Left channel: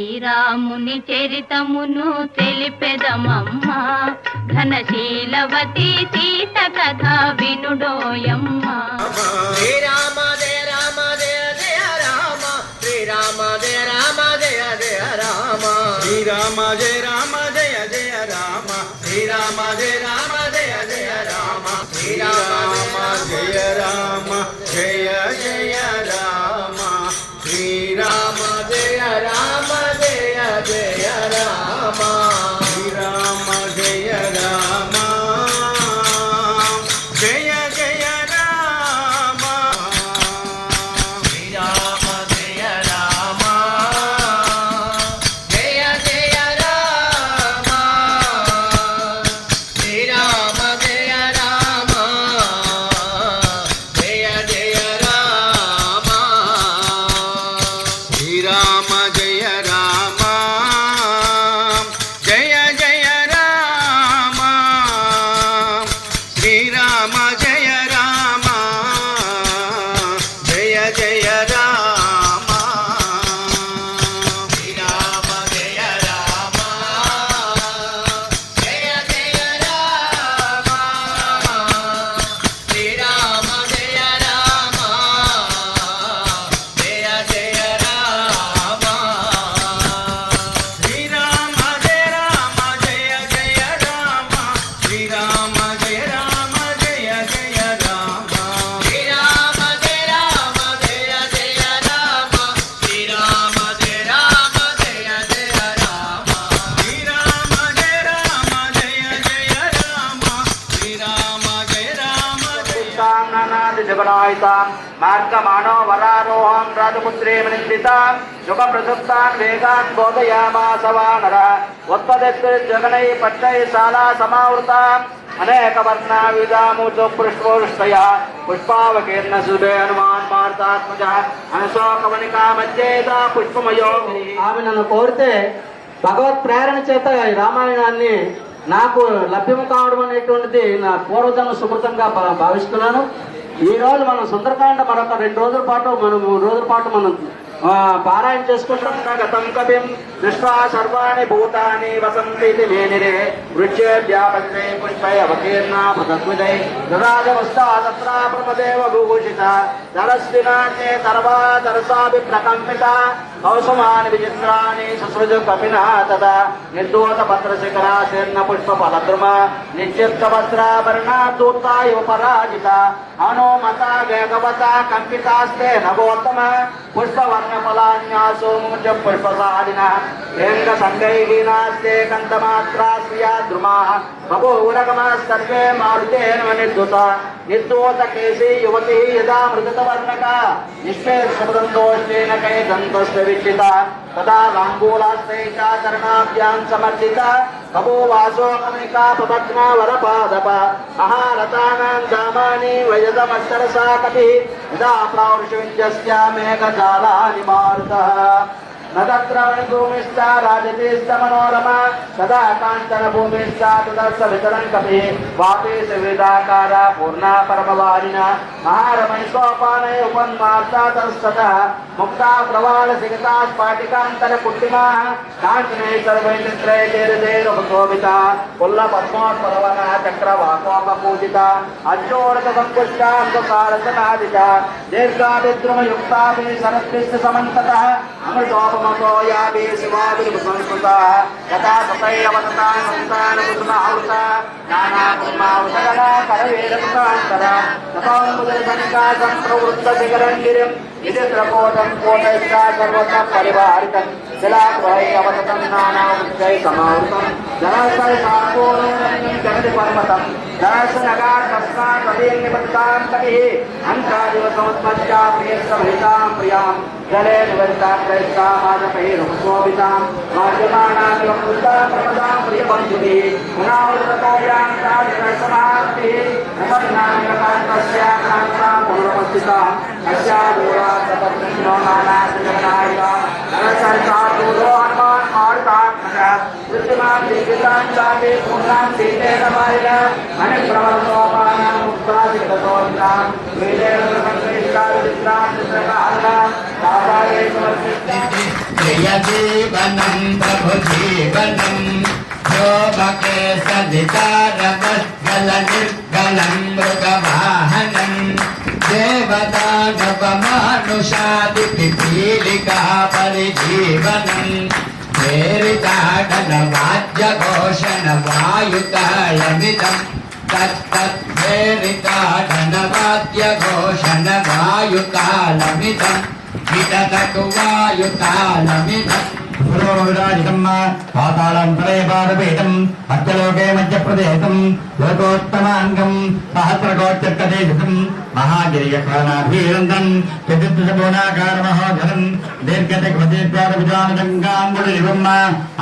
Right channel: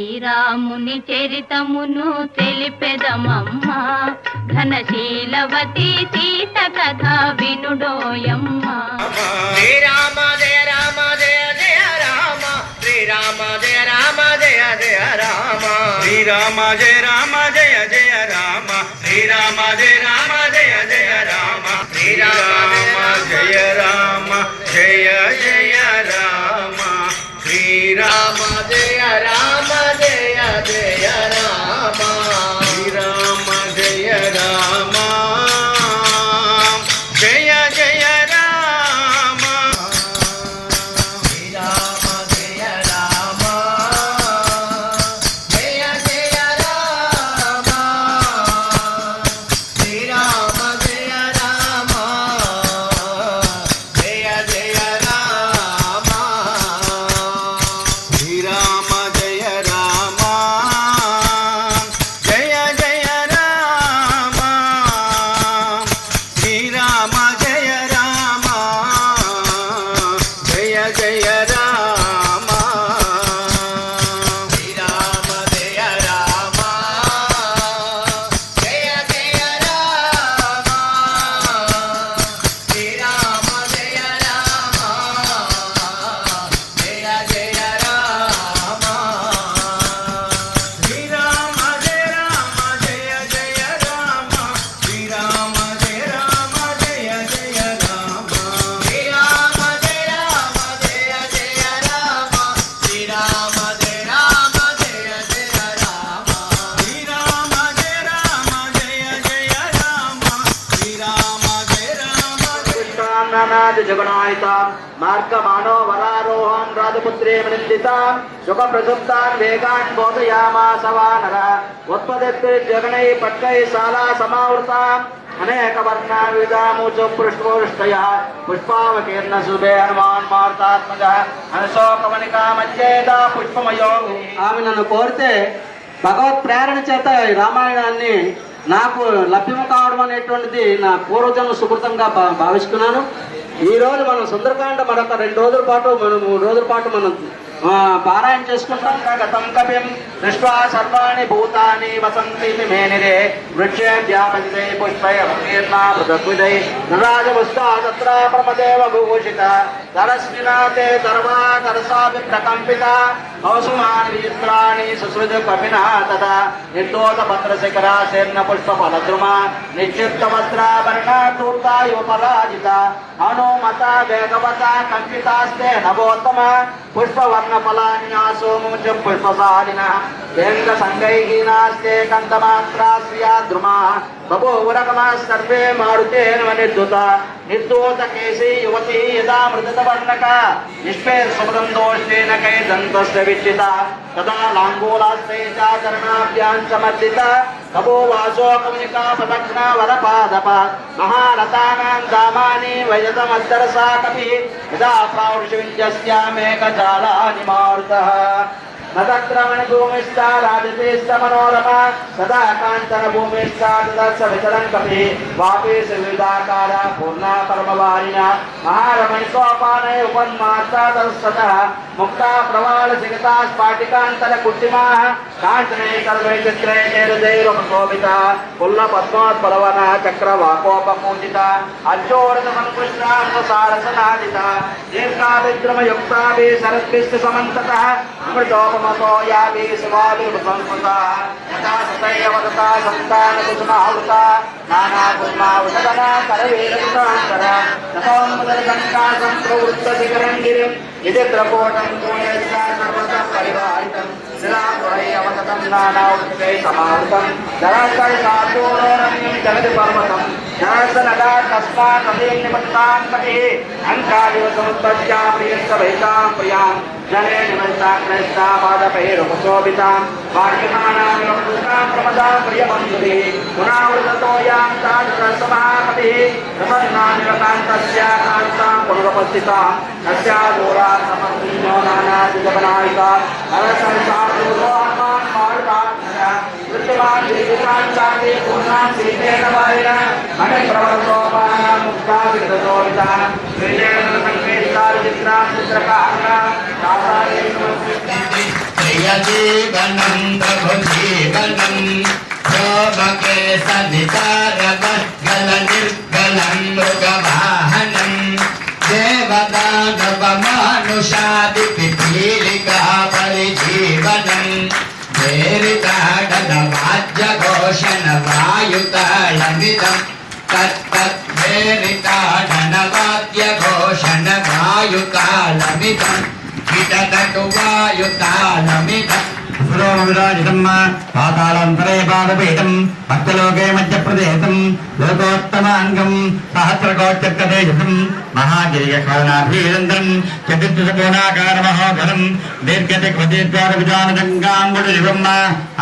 శ్రీరాముని చరితమును తెలిపెదమమ్మా, ఘనశీలవతి సీత కథ వినుడోయమ్మా. శ్రీరామ జయ రామ జయ జయ రామ, శ్రీరామ జయ రామ జయ జయ రామ, శ్రీరామ జయ రామ జయ జయ రామ, శ్రీరామ జయ రామ జయ జయ రామ, శ్రీరామ జయ రామ జయ జయ రామ, శ్రీరామ జయ రామ జయ జయ రామ, శ్రీరామ జయ రామ జయ జయ రామ, శ్రీరామ జయ రామ జయ జయ రామ, శ్రీరామ జయ రామ జయ జయ రామ, శ్రీరామ జయ రామ జయ జయ రామ, శ్రీరామ జయ రామ జయ జయ రామ, శ్రీరామ జయ రామ జయ జయ రామ, శ్రీరామ జయ రామ జయ జయ రామ, శ్రీరామ జయ రామ జయ జయ రామ, శ్రీరామ జయ రామ జయ జయ రామ, శ్రీరామ జయ రామ జయ జయ రామ, శ్రీరామ జయ రామ జయ జయ రామ, శ్రీరామ జయ రామ జయ జయ రామ, శ్రీరామ జయ రామ నానాది జగనాయితాం మార్గమాణో వరారోహం రాజపుత్రే వృందితాం యుగ ప్రసుప్తాం వేగాన్ బోధయామాస వానర ఉత్పదత్తి జగనై పట్టై శాలా సమావృతాం అనేక వర్ణ విధాముచు పృష్ఠోష్టయ పుష్పావకీర్ణ సూర్య హనుమాన్ మార్తాత్మజ అనుశోకవనికా మధ్యేత పుష్పమయో. ఆమె నన్ను కోరితే భగవత్ ప్రేరణ చేత ఈ రామాయణాన్ని నాకు లభ్యం కావడం అనేటువంటిది నా పూర్వజన్మ సుకృతంగా భావిస్తున్నాను. ఈ రోజు మనం సుందరకాండ మరొక 2 రోజుల పాటు మనం 3 రోజుల పాటు మనం పారాయణ చేసుకుంటాం. గతం కపిం దృష్ట్వా సర్వాణి భూతాని వసంతి మేనిరే వృక్షేభ్యాపతితే పుష్పైర్నా మృగద్విదై నరాజముస్తా తత్ర ప్రమదేవ విభూషిత దరస్వినాటే దర్వా దరసాభి ప్రకంపిత కౌసుమాన్ వీర్ణాని సుశ్రుతి కపినా తదా నిర్దోత పత్రశిఖరా శీర్ణ పుష్ప ఫలద్రుమ నిశ్చిత్త వస్త్రాభరణ దూర్తాయు పరాజిత హనుమత వేగవత కంపితాస్తే నవోత్తమ పుష్పవర్ణ ఫలాన్యాసో మూజ పుష్పసారిణ ఏంగ సంగైః నాస్తే కంతమాత్రాస్య ద్రుమా బభూవరగమ సర్వే మారుతే నిర్దుత నిర్దోత కేశీ యువతి యదా మృదత వర్ణక నిష్పేర్షమృతం దోషేణ కైదంతస్య విచ్చిత తదా లాంగూలాస్తే చరణాభ్యాం సమర్దిత బభూవాసో కమునికా ప్రదక్షిణ వరపాదప మహారథానాం దామాని వయతమస్తరసా కపిః యదా ప్రావృషవిద్యస్య మేఘజాలాని మారుతః నద్రవణ భూమిష్ట రాజతేష్ట మనోరమ సదా కాంచన భూమిష్ట తదస్స విచరం కపి వాపే వివిధాకార పూర్ణ పరమవాణిన మహారమే సోపానే ఉపన్మార్తాతస్తత ముక్తా ప్రవాళ సిగతా స్ఫాటికాంతర కుట్టిమా కాంచనే సర్వే చిత్రే చేరుదేరు కోవిత కుల్ల పద్మాత్ పరవన చక్రవాకోపమూజిత అశోరద సంకుష్టాంతసారసనాదిత దీర్ఘాభిద్రుమయుక్తాభి శరద్భిస్తు సమంతతః అమృతోపమతో యాభి శివాభి సంస్కృత సంతానకుసుమావృత నానాకుసుమావృతగణ కరవేరకృతాంతర జపాంబుదరసంకాశం ప్రవృత్త శిఖరం గిరిం విజిత్రకోటం కోటైస్తా సర్వతం పరివారితం శిలాపై అవసరం నానావృత్తై సమావృతం జలసై సాపోరణీం జగతి పరమతం జనసనగా తస్మాత్ తదేం నిమత్తాం కపిః అంకారివ సముత్పత్యాం సభైతాం ప్రియాం జలే నివసితా క్రైస్తా మాదపైరుపశోభితాం భాగ్యమానాం యోగృతాం ప్రమదాం ప్రియబంధుభిః పునావృతతోయాం తాదృశసమాపతిః ప్రసన్నానిరకాంతస్య కాంతాం పునరపస్థితాం అస్యాదోరా సపత్నిమానాశిజనాయిక నరసంసాదూరో హనుమాన్ మారుతాం కృత్తిమాన్ విదితాం చాపి పూర్ణాం శ్రీకేన మారిణ అనిప్రవసోపానం ముక్తావిదతోవితాం వేదేన సంకేతారు విక్రాం చిత్రకార जीवनं प्रभुजीवनं शोभके सवितारवद्गलनिर्गलं मृगवाहनं देवदानवमानुषादिपिपीलिका परिजीवनं भेरिताडनवाद्यघोषणवायुतालमिदं तत्तद्भेरिताडनवाद्यघोषणवायुतालमिदं विदधतुवायुतालमिदं विराजितम् पातालन्तरे पादपीठम् मध्यलोके मध्यप्रदेशम् लोकोत्तमाङ्गम् सहस्रकोट्यर्कदेशम् महागिरियकानाभीरन्द्रम् चतुर्दशकोणाकारमहोधरम् दीर्घदिग्वदीर्घारविजानजङ्गाङ्गुलिवम्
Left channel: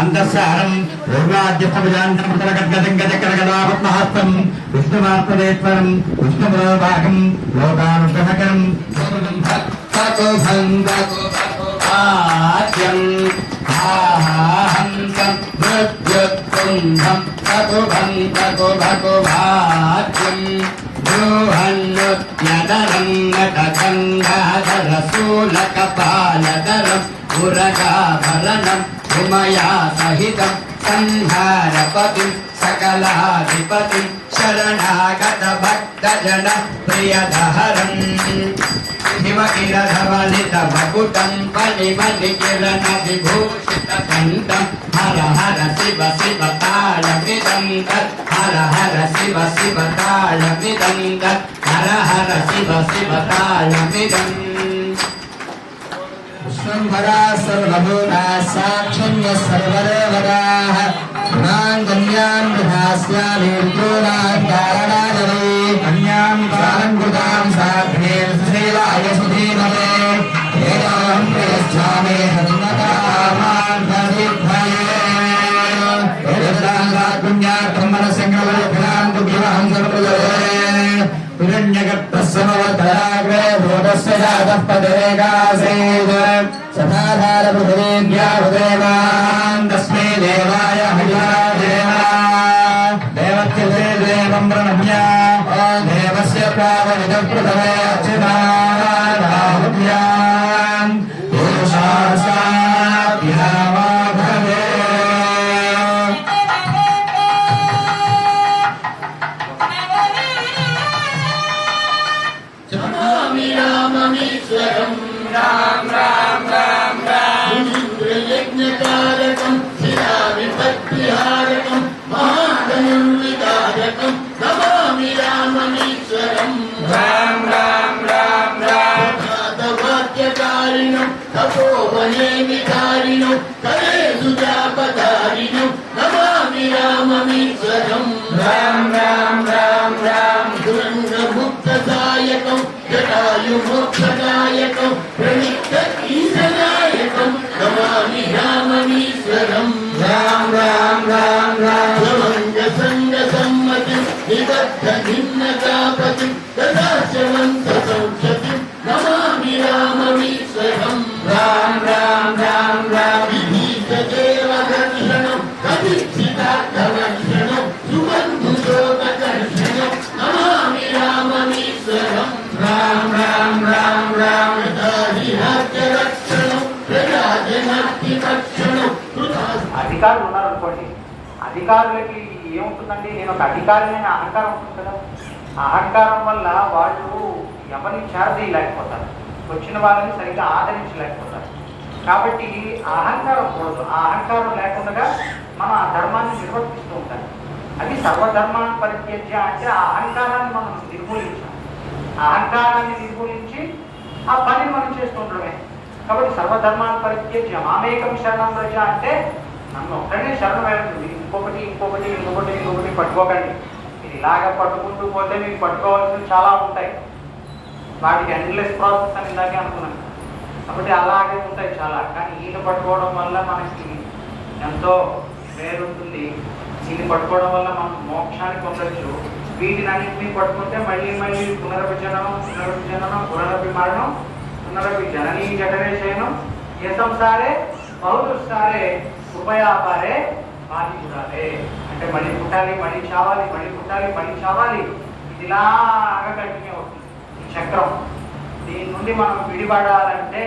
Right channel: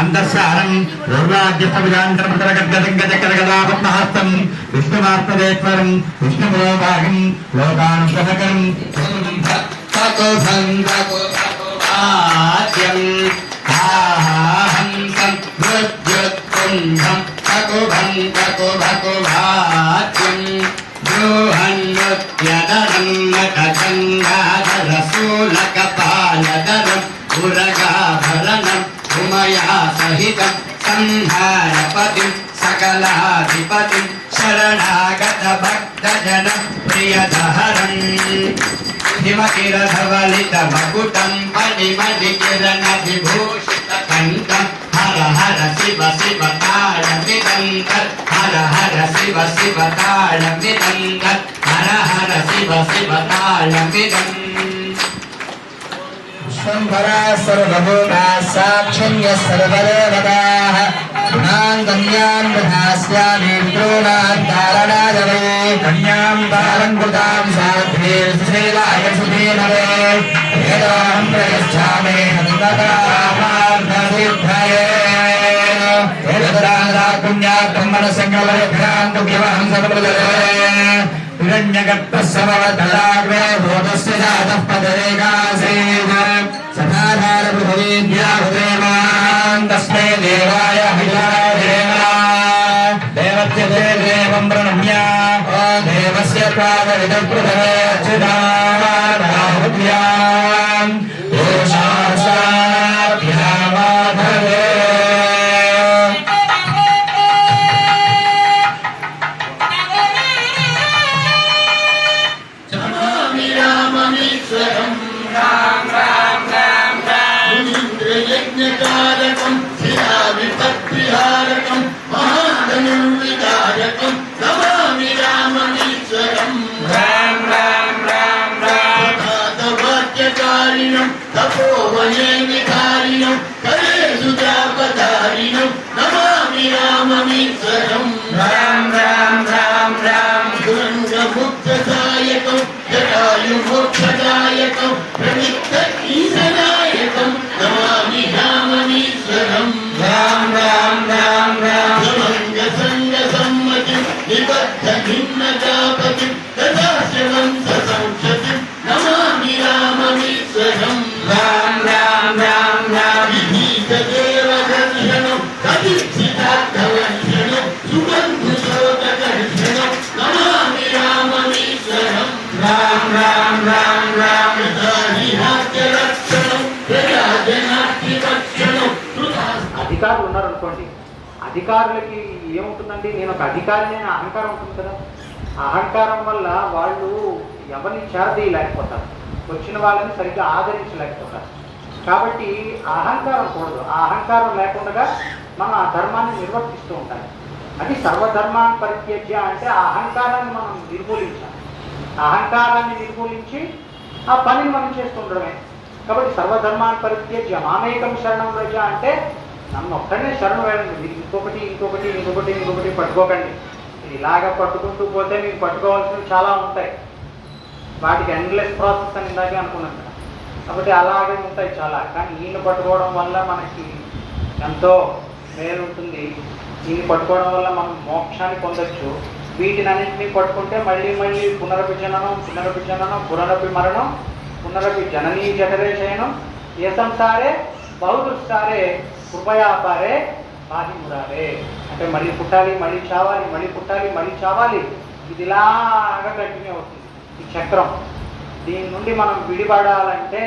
अन्तःसारम् दुर्गाद्यप्रविजान्तरपटलगड्गदिङ्गचक्रगदापद्महस्तम् विष्णुमार्तदेश्वरम् विष्णुपुरोभागम् लोकानुग्रहकरम् आद्यम् आहंसं मृत्युत्कुंभं भकुभं भकुभकुभाद्यं बृहन्नुत्यनरं नटगङ्गाधरशूलकपालधरं पुरगाभरणं उमया सहितं संहारपतिं सकलाधिपतिं शरणागतभक्तजन प्रियदहरम् हिमकिरधवलितमकुटं मणिमणिकिरणविभूषितकण्ठं हर हर शिव शिव ताळमिदं तत् हर हर शिव शिव ताळमिदं तत् हर हर शिव शिव ताळमिदम् विश्वम्भरा सर्वभूताः साक्षण्य सर्वदेवताः गुणान् गम्यान् विधास्यामि विप्रोणान् तारणादवे कन्यां तारङ्कृतां साध्वीं श्रीलाय सुधीमवे वेदोऽहं प्रयच्छामि हनुमतामार्गसिद्धये वेदत्रान्ताकुण्याक्रमणसङ्कल्पविभ्रान्तु विवहं सकलुदये हिरण्यगर्भस्समवतराग्रे भूतस्य जातः पदेकासीत् सदाधारपृथिवीद्याहुदेवान् तस्मै देवाय हिलादेवा देवत्यते देवं प्रणम्य देवस्य पादविदप्रथमे अच्युताहुत्याम् दोषासाभ्यामाभवे मुनीन्द्रयज्ञकारकं शिलाविपत्तिहारकं महाधनुर्विदारकं नमामि राममीश्वरं राम राम राम राम वाक्यकारिणं तपोवने विकारिणं कलेषु जापधारिणं नमामि राममीश्वरं राम राम राम राम दुरङ्गमुक्तदायकं जटायुमोक्षदायकं प्रनित्त ईशनायकं नमामि राममीश्वरं राम राम राम राम समङ्गसङ्गसम्मतिं निबद्धभिन्नजापतिं तदाशवं ससंशतिं नमामि राममीश्वरं राम राम राम राम विभीतदेवदर्शनं कविक्षितार्थदर्शनं सुबन्धुशोकदर्शनं नमामि राममीश्वरं राम राम राम राम हरिहास्यरक्षणं प्रजाजनात्रिरक्षणं అధికారులు ఉన్నారనుకోండి, అధికారులకి ఏముంటుందండి, నేను ఒక అధికారిని అనే అహంకారం ఉంటుంది కదా. ఆ అహంకారం వల్ల వాళ్ళు ఎవరిని చేరదీయలేకపోతారు, వచ్చిన వాళ్ళని సరిగ్గా ఆదరించలేకపోతారు. కాబట్టి ఆ అహంకారం కూడదు. ఆ అహంకారం లేకుండా మనం ఆ ధర్మాన్ని నిర్వర్తిస్తూ ఉంటాం. అది సర్వధర్మాన్ని పరిత్యజ్య అంటే ఆ అహంకారాన్ని మనం నిర్మూలించాలి. ఆ అహంకారాన్ని నిర్మూలించి ఆ పనిని మనం చేస్తుండడమే. కాబట్టి సర్వధర్మాన్ని పరిత్యజ్య మామేకం శరణం వ్రజ అంటే నన్ను ఒక్కడే శరణం వేయండి, ఇంకొకటి ఇంకొకటి ఇంకొకటి ఇంకొకటి పట్టుకోకండి. ఇది ఇలాగ పట్టుకుంటూ పోతే మీకు పట్టుకోవాల్సినవి చాలా ఉంటాయి. వాటికి ఎండ్లెస్ ప్రాసెస్ అని ఇలాగే అనుకున్నాను. కాబట్టి అలాగే ఉంటాయి చాలా. కానీ ఈయన పట్టుకోవడం వల్ల మనకి ఎంతో మేలు ఉంటుంది. దీన్ని పట్టుకోవడం వల్ల మనం మోక్షాన్ని పొందొచ్చు. వీటిని అన్నింటినీ పట్టుకుంటే మళ్ళీ మళ్ళీ పునర్విజననం పునరపి మరణం పునరపి జననీ జఠరే శయనం ఏ సంసారే బహుదుస్సారే కృపయాపారే బాకి మురాలే అంటే మళ్ళీ పుట్టాలి, మళ్ళీ చావాలి, మళ్ళీ పుట్టాలి, మళ్ళీ చావాలి. ఇది ఇలాగా కంటిన్యూ అవుతుంది ఈ చక్రం. దీని నుండి మనం విడిపడాలంటే